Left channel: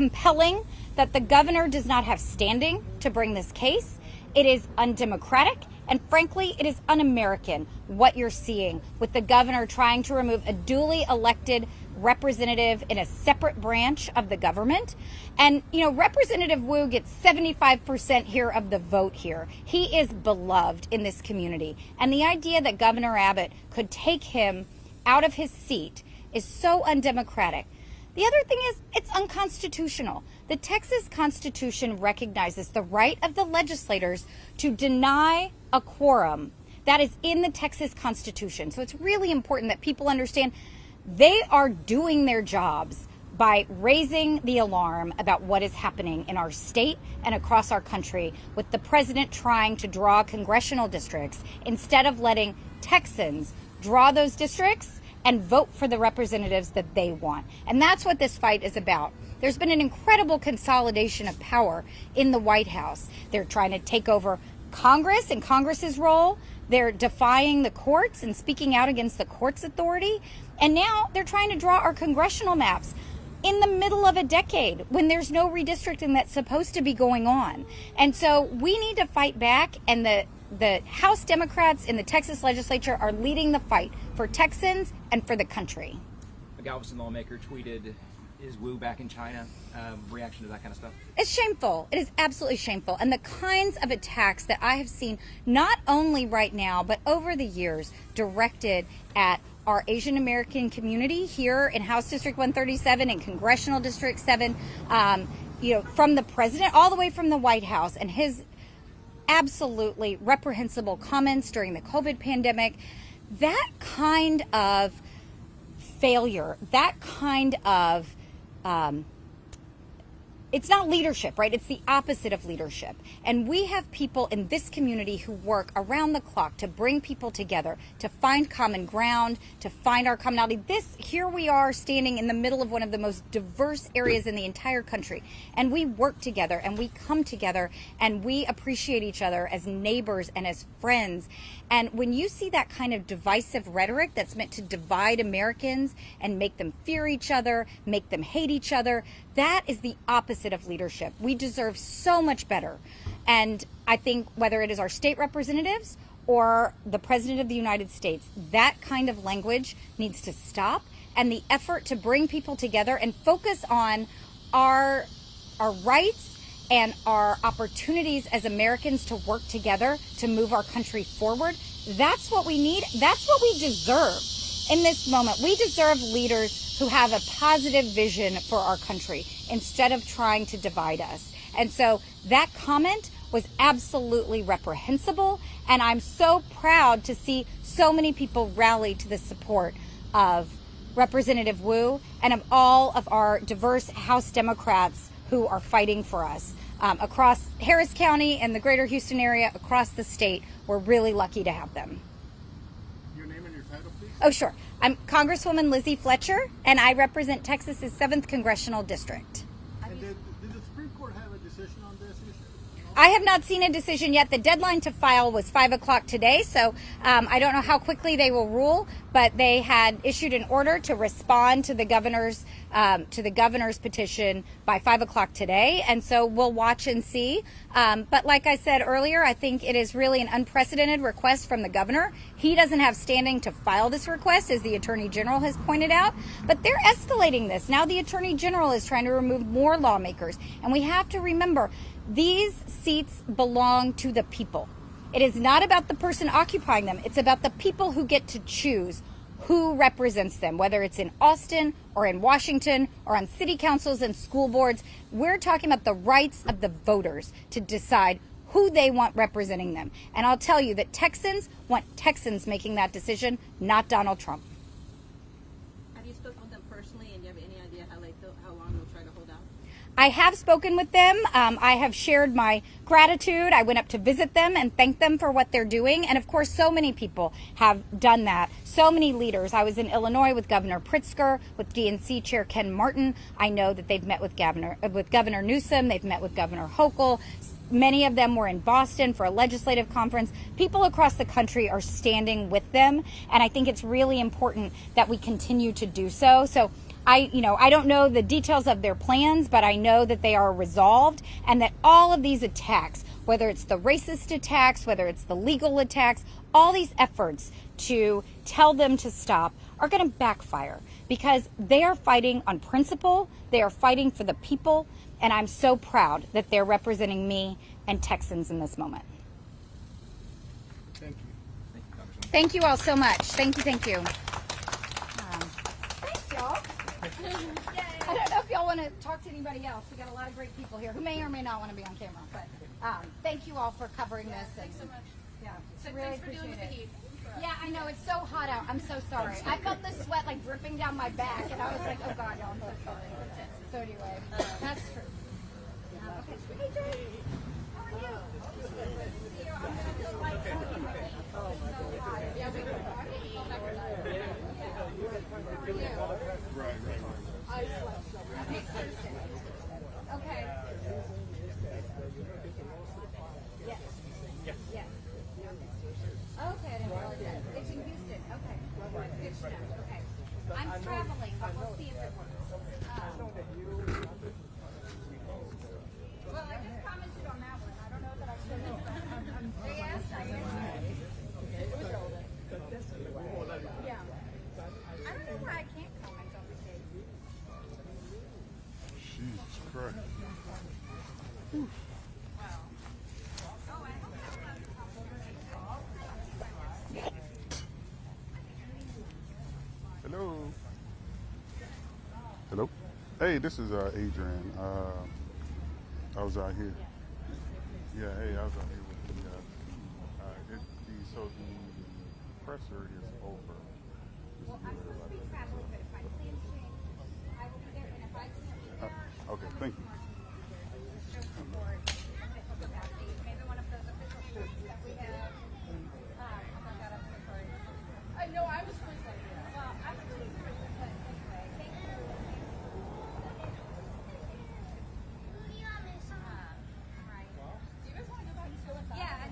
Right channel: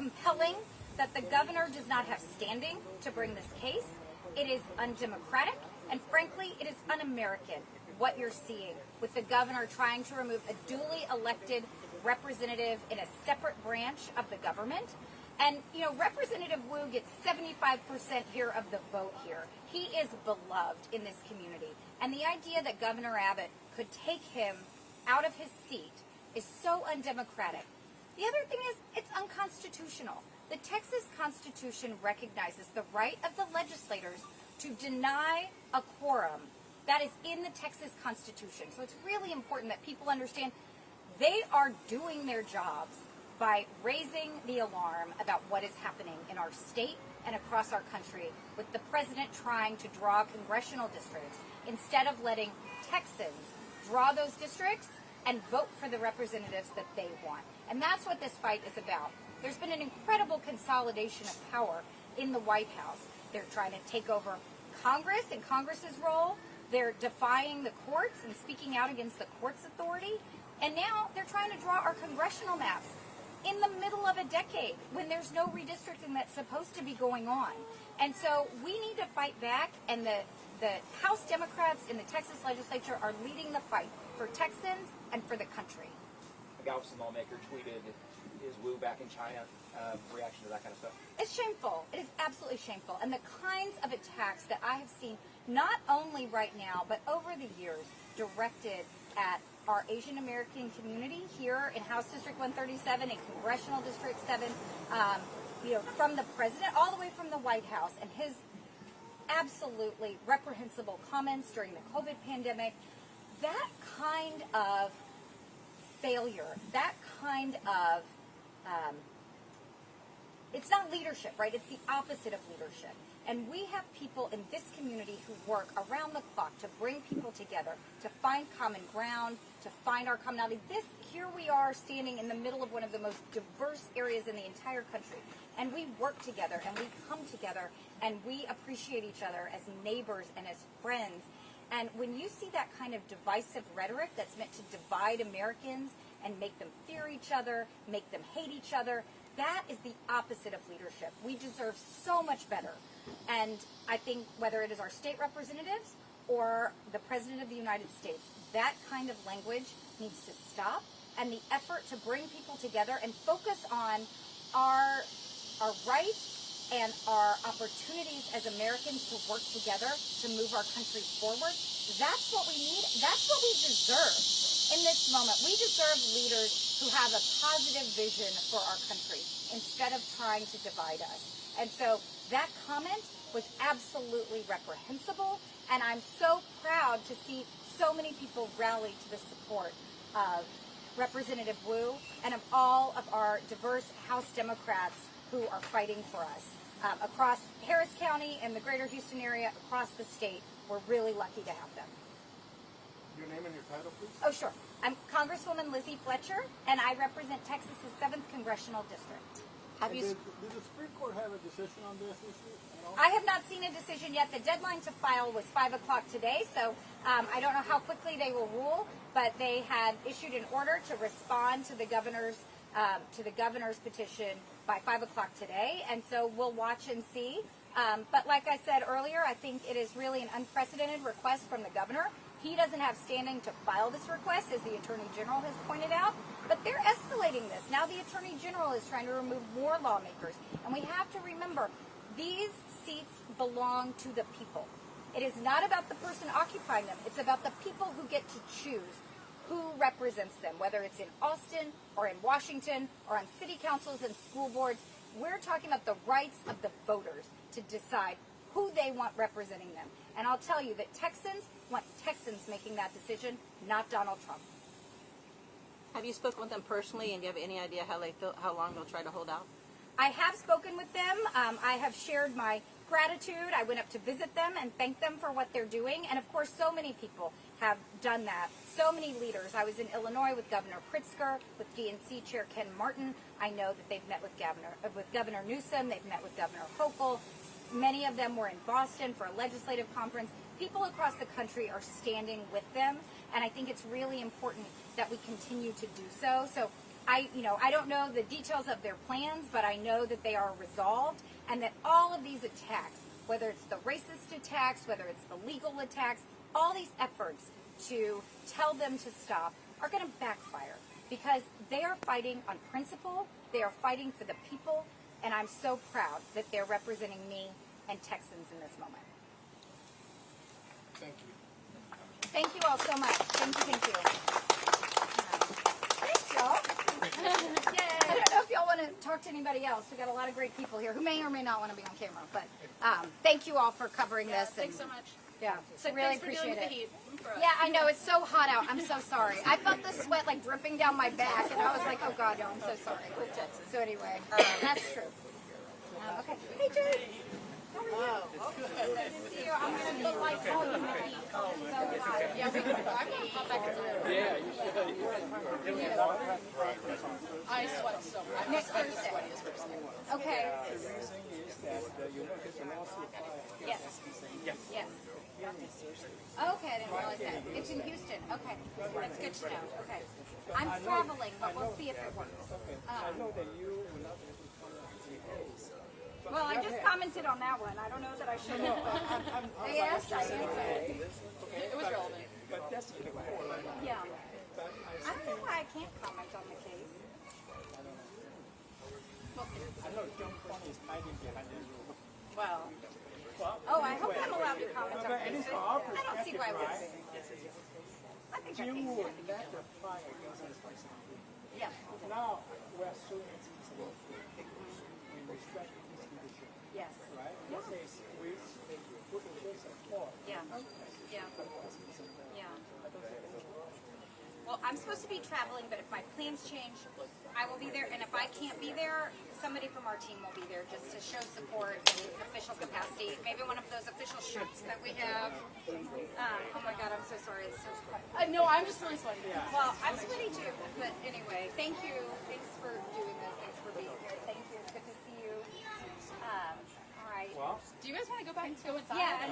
compelling that the governor does not have standing to bring this case. It is undemocratic, and frankly, it is un-American what you're seeing with the governor trying to remove a duly elected representative in a separate branch of the government. And, you know, Representative Wu gets 75% here of the vote here. He is beloved in this community. And the idea that Governor Abbott could take him out of his seat is so undemocratic. The other thing is, it's unconstitutional. The Texas Constitution recognizes the right of the legislators to deny a quorum. That is in the Texas Constitution. So it's really important that people understand they are doing their jobs by raising the alarm about what is happening in our state and across our country, with the president trying to draw congressional districts instead of letting Texans draw those districts and vote for the representatives that they want. And that's what this fight is about. There's been an incredible consolidation of power in the White House. They're trying to take over Congress and Congress's role. They're defying the courts and speaking out against the court's authority. And now they're trying to draw our congressional maps in the middle of a decade when there's no redistricting that's supposed to be going on. And so we need to fight back, and the House Democrats in the Texas legislature are leading the fight for Texans and for the country. A Galveston lawmaker tweeted, "Is Wu back in China?" Reaction to that kind of stuff? It's shameful. It is absolutely shameful. And the kinds of attacks that I have seen, not only right now, but over the years, directed at our Asian American community here in House District 137 and Congressional District 7, you know, from the president all the way from the White House and his absolutely reprehensible comments during the COVID pandemic, that kind of failure, that kind of it's not leadership, right? It's the opposite of leadership. And we have people in this community who work around the clock to bring people together, to find common ground, to find our commonality. Here we are standing in the middle of one of the most diverse areas in the entire country. And we work together and we come together and we appreciate each other as neighbors and as friends. And when you see that kind of divisive rhetoric that's meant to divide Americans and make them fear each other, make them hate each other, that is the opposite of leadership. We deserve so much better. And I think whether it is our state representatives or the President of the United States, that kind of language needs to stop. And the effort to bring people together and focus on our rights and our opportunities as Americans to work together to move our country forward, that's what we need. That's what we deserve in this moment. We deserve leaders who have a positive vision for our country instead of trying to divide us. And so that comment was absolutely reprehensible, and I'm so proud to see so many people rally to the support of Representative Wu and of all of our diverse House Democrats who are fighting for us. Across Harris County and the greater Houston area, across the state, we're really lucky to have them. Your name and your title, please? Oh, sure. I'm Congresswoman Lizzie Fletcher, and I represent Texas's 7th Congressional District. Did the Supreme Court have a decision on this issue? I have not seen a decision yet. The deadline to file was 5 o'clock today, so I don't know how quickly they will rule, but they had issued an order to respond to the governor's petition by 5 o'clock today, and so we'll watch and see. But like I said earlier, I think it is really an unprecedented request from the governor. He doesn't have standing to file this request, as the Attorney General has pointed out, but they're escalating this. Now the Attorney General is trying to remove more lawmakers, and we have to remember, these seats belong to the people. It is not about the person occupying them. It's about the people who get to choose who represents them, whether it's in Austin or in Washington or on city councils and school boards. We're talking about the rights of the voters to decide who they want representing them. And I'll tell you that Texans want Texans making that decision, not Donald Trump. Have you spoken with them personally, and do you have any idea how long they'll try to hold out? I have spoken with them. I have shared my gratitude. I went up to visit them and thank them for what they're doing. And of course, so many people have done that. So many leaders. I was in Illinois with Governor Pritzker, with DNC Chair Ken Martin. I know that they've met with Governor Newsom. They've met with Governor Hochul. Many of them were in Boston for a legislative conference. People across the country are standing with them. And I think it's really important that we continue to do so. So I don't know the details of their plans, but I know that they are resolved, and that all of these attacks, whether it's the racist attacks, whether it's the legal attacks, all these efforts to tell them to stop are going to backfire, because they are fighting on principle, they are fighting for the people, and I'm so proud that they're representing me and Texans in this moment. Thank you. Thank you all so much. Thank you, thank you. Thanks, y'all. I don't know if y'all want to talk to anybody else. We got a lot of great people here who may or may not want to be on camera, but thank you all for covering this. Thanks so much. Yeah, So really thanks for dealing appreciate with it. the heat. Yeah, I know, it's so hot out. I'm so sorry. I felt the sweat like dripping down my back, and I was like, oh God, no, I'm so sorry. So anyway, that's true. Okay. Hey, Jay. How are you? Good to see you. I'm going to be like, oh, you know, yeah, I'm going to call back inside. I sweat so much. Next Thursday. Okay. Yes. Yes. Okay, I didn't realize that. It's in Houston. Okay. It's good to know. Okay. I'm traveling, but we'll see if it works. Well, I just commented on that one. I don't know that I should have. I asked. I answered. It was relevant. Yeah. I don't know why I can't comment on the case. Well. Oh, I hope I'm allowed to comment on cases. I don't see why I wouldn't. I think I can. Hello. Yeah. Hello. Hey, this is Adrian. I was out here. Yes. Yeah, hey, I was out here. Yeah. Yeah. Well, I'm supposed to be traveling, but if my plans change, I will be there. And if I can't be there, somebody from our team will be there just to show support in official capacity. Maybe one of those official shirts that we have. Oh my God, I'm so sorry. It's so sweaty. No, I'm just really sweaty. Yeah. Well, I'm sweaty too. But anyway, thank you. Thanks for doing this. Thanks for being here. Thank you. It's good to see you. All right. Do you guys want to go back and go inside? Yeah.